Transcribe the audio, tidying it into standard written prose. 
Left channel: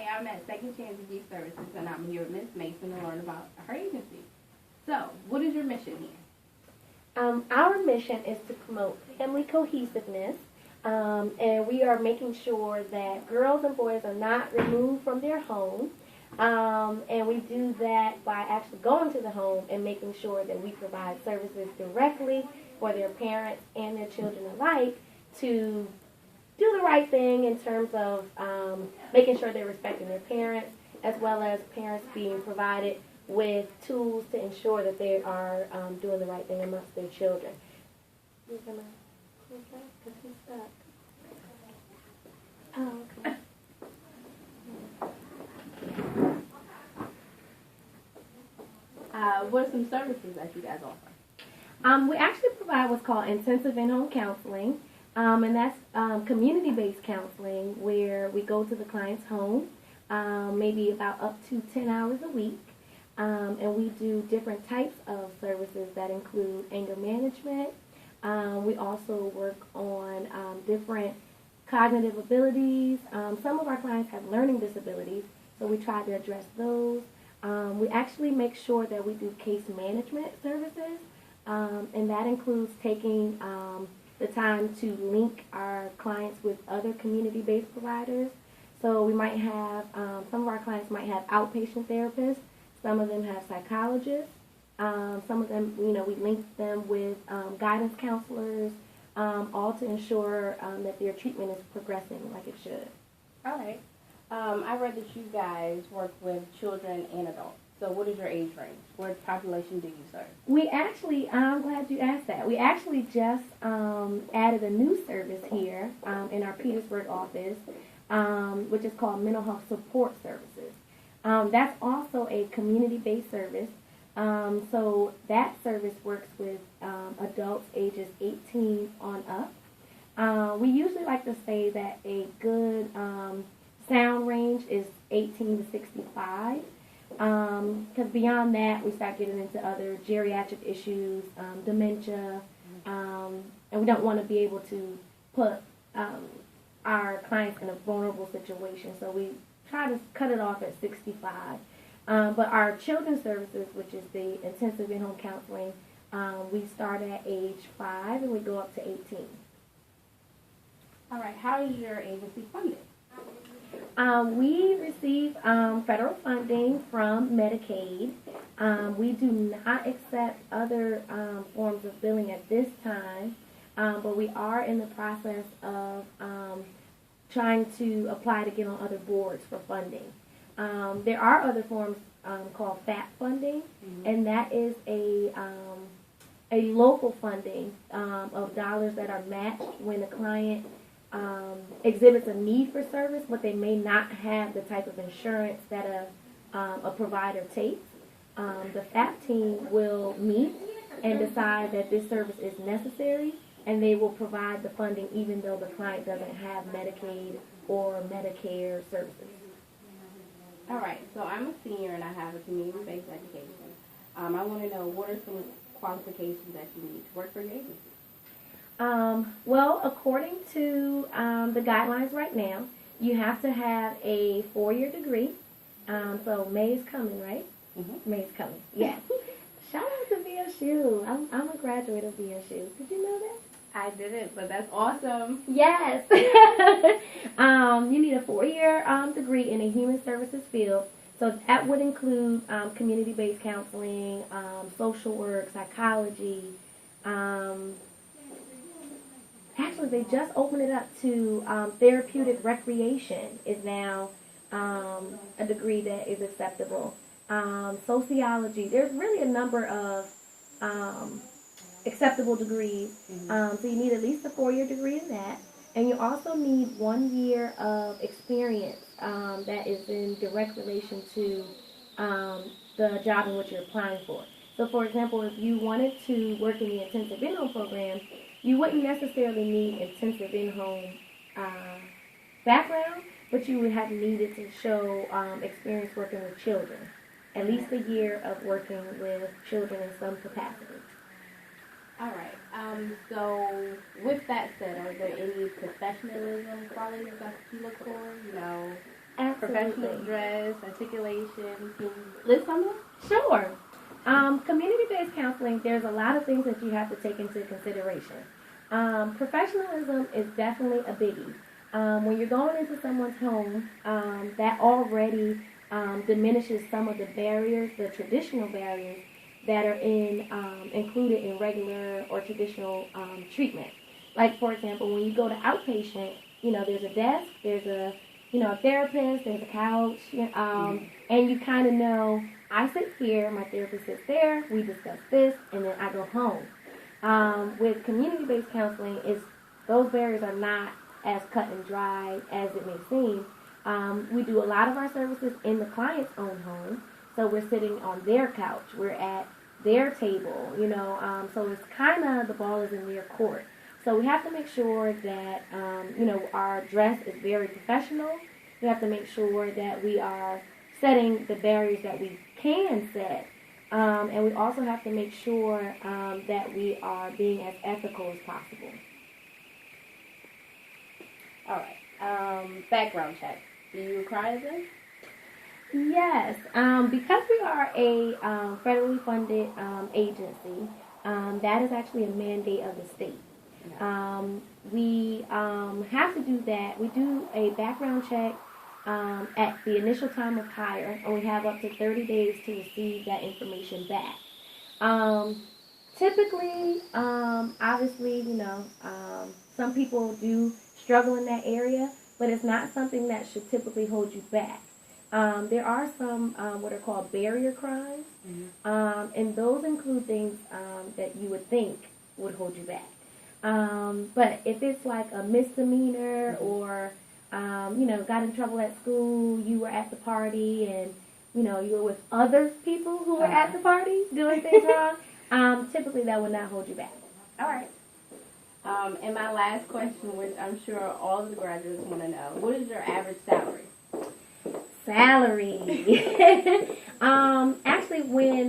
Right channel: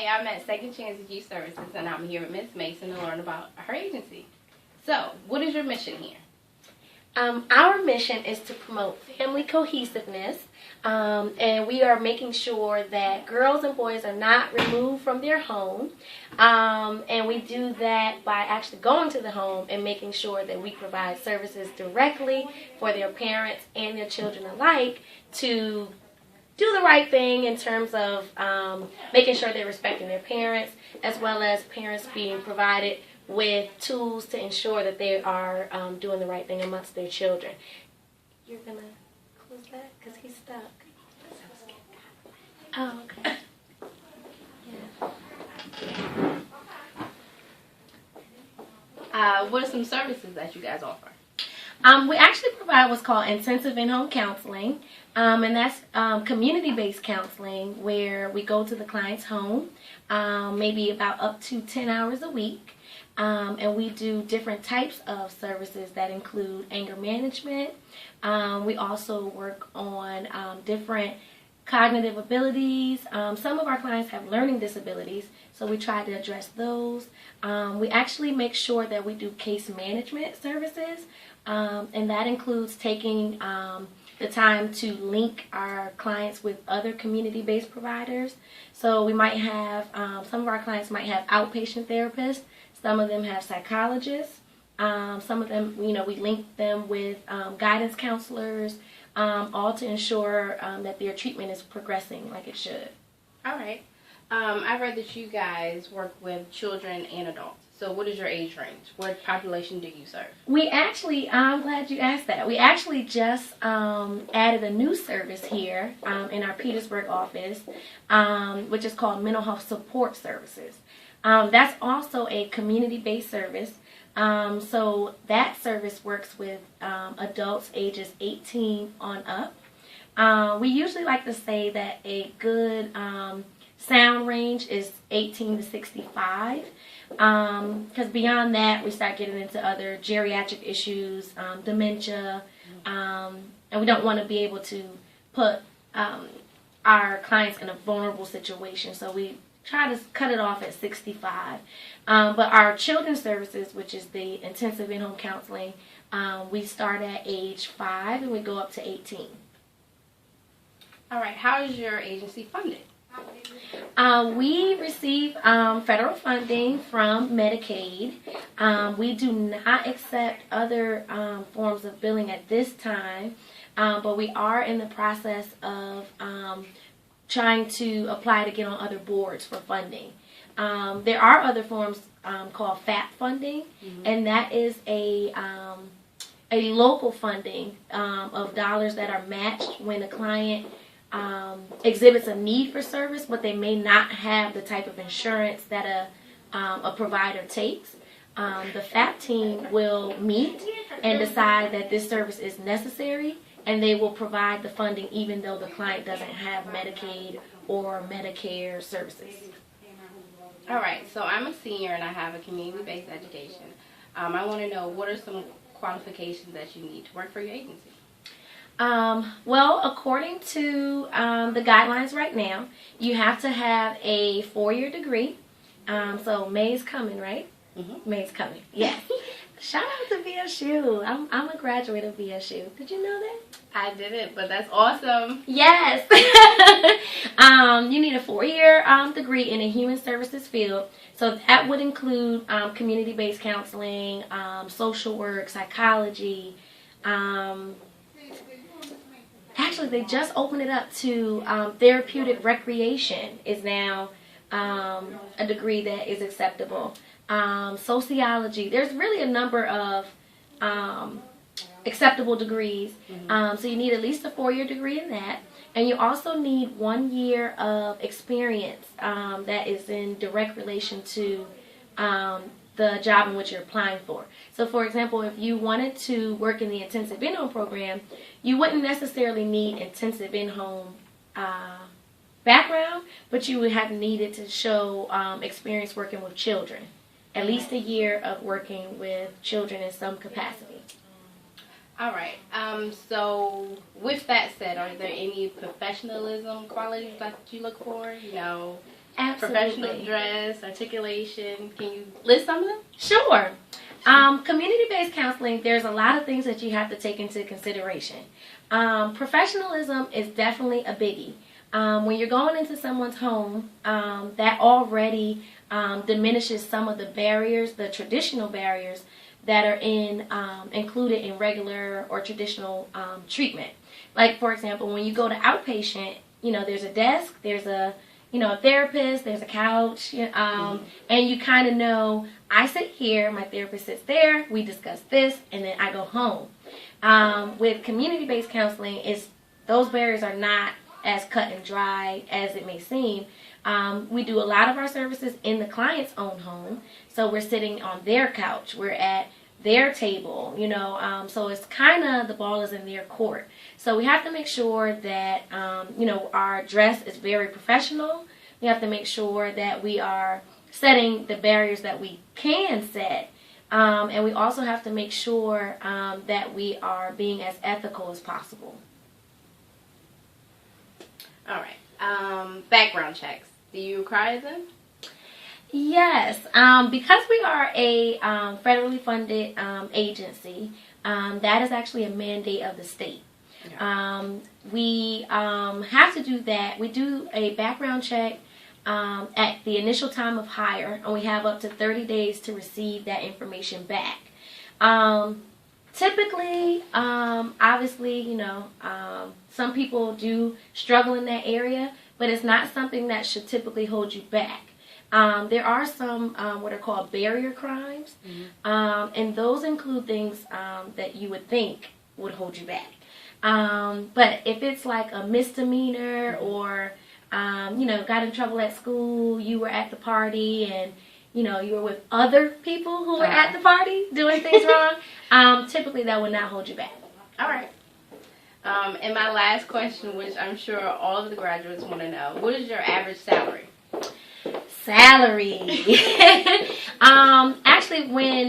Hi, I'm at Second Chances Youth Services, and I'm here with Ms. Mason to learn about her agency. So, what is your mission here? Our mission is to promote family cohesiveness, and we are making sure that girls and boys are not removed from their home, and we do that by actually going to the home and making sure that we provide services directly for their parents and their children alike to do the right thing in terms of making sure they're respecting their parents, as well as parents being provided with tools to ensure that they are doing the right thing amongst their children. You're going to close that because he's stuck. Oh, okay. What are some services that you guys offer? We actually provide what's called intensive in-home counseling, and that's community-based counseling where we go to the client's home, maybe about up to 10 hours a week. And we do different types of services that include anger management. We also work on different cognitive abilities. Some of our clients have learning disabilities, so we try to address those. We actually make sure that we do case management services, and that includes taking the time to link our clients with other community-based providers. So we might have, some of our clients might have outpatient therapists. Some of them have psychologists. Some of them, we link them with guidance counselors, all to ensure that their treatment is progressing like it should. All right. I read that you guys work with children and adults. So what is your age range? What population do you serve? We actually, I'm glad you asked that. We actually just added a new service here in our Petersburg office, which is called Mental Health Support Services. That's also a community-based service. So that service works with adults ages 18 on up. We usually like to say that a good sound range is 18 to 65. Because beyond that, we start getting into other geriatric issues, dementia, and we don't want to be able to put our clients in a vulnerable situation. So we try to cut it off at 65. But our children's services, which is the intensive in-home counseling, we start at age 5 and we go up to 18. All right. How is your agency funded? We receive federal funding from Medicaid. We do not accept other forms of billing at this time, but we are in the process of trying to apply to get on other boards for funding. There are other forms called FAP funding, and that is a local funding of dollars that are matched when a client exhibits a need for service, but they may not have the type of insurance that a provider takes. The FAP team will meet and decide that this service is necessary, and they will provide the funding even though the client doesn't have Medicaid or Medicare services. All right. So I'm a senior and I have a community-based education. I want to know, what are some qualifications that you need to work for your agency? Well, according to the guidelines right now, you have to have a 4-year degree. So May's coming, right? Mm-hmm. May's coming, yes. Shout out to VSU. I'm a graduate of VSU. Did you know that? I didn't, but that's awesome. Yes. You need a 4-year degree in a human services field. So that would include community-based counseling, social work, psychology. Actually, they just opened it up to therapeutic recreation is now a degree that is acceptable. Sociology. There's really a number of acceptable degrees. So you need at least a 4-year degree in that. And you also need 1 year of experience that is in direct relation to the job in which you're applying for. So, for example, if you wanted to work in the intensive in-home program, you wouldn't necessarily need intensive in-home background, but you would have needed to show experience working with children. At least a year of working with children in some capacity. All right. So with that said, are there any professionalism qualities that you look for? You know, professional Absolutely. dress, articulation. Can you list some of them? Sure. Community-based counseling, there's a lot of things that you have to take into consideration. Professionalism is definitely a biggie. When you're going into someone's home, that already diminishes some of the barriers, the traditional barriers that are included in regular or traditional treatment. Like, for example, when you go to outpatient, there's a desk, there's a therapist, there's a couch, and you kind of know, I sit here, my therapist sits there, we discuss this, and then I go home. With community-based counseling, those barriers are not as cut and dry as it may seem. We do a lot of our services in the client's own home, so we're sitting on their couch, we're at their table, so it's kind of, the ball is in their court. So we have to make sure that, our dress is very professional. We have to make sure that we are setting the barriers that we can set. And we also have to make sure that we are being as ethical as possible. All right. Background checks. Do you require them? Yes. Because we are a federally funded agency, that is actually a mandate of the state. Okay. We have to do that. We do a background check at the initial time of hire, and we have up to 30 days to receive that information back. Typically, obviously, some people do struggle in that area, but it's not something that should typically hold you back. There are some what are called barrier crimes, and those include things that you would think would hold you back. But if it's like a misdemeanor or, got in trouble at school, you were at the party and, you were with other people who were at the party doing things wrong, typically that would not hold you back. All right. And my last question, which I'm sure all of the graduates want to know, what is your average salary? Salary. Actually, when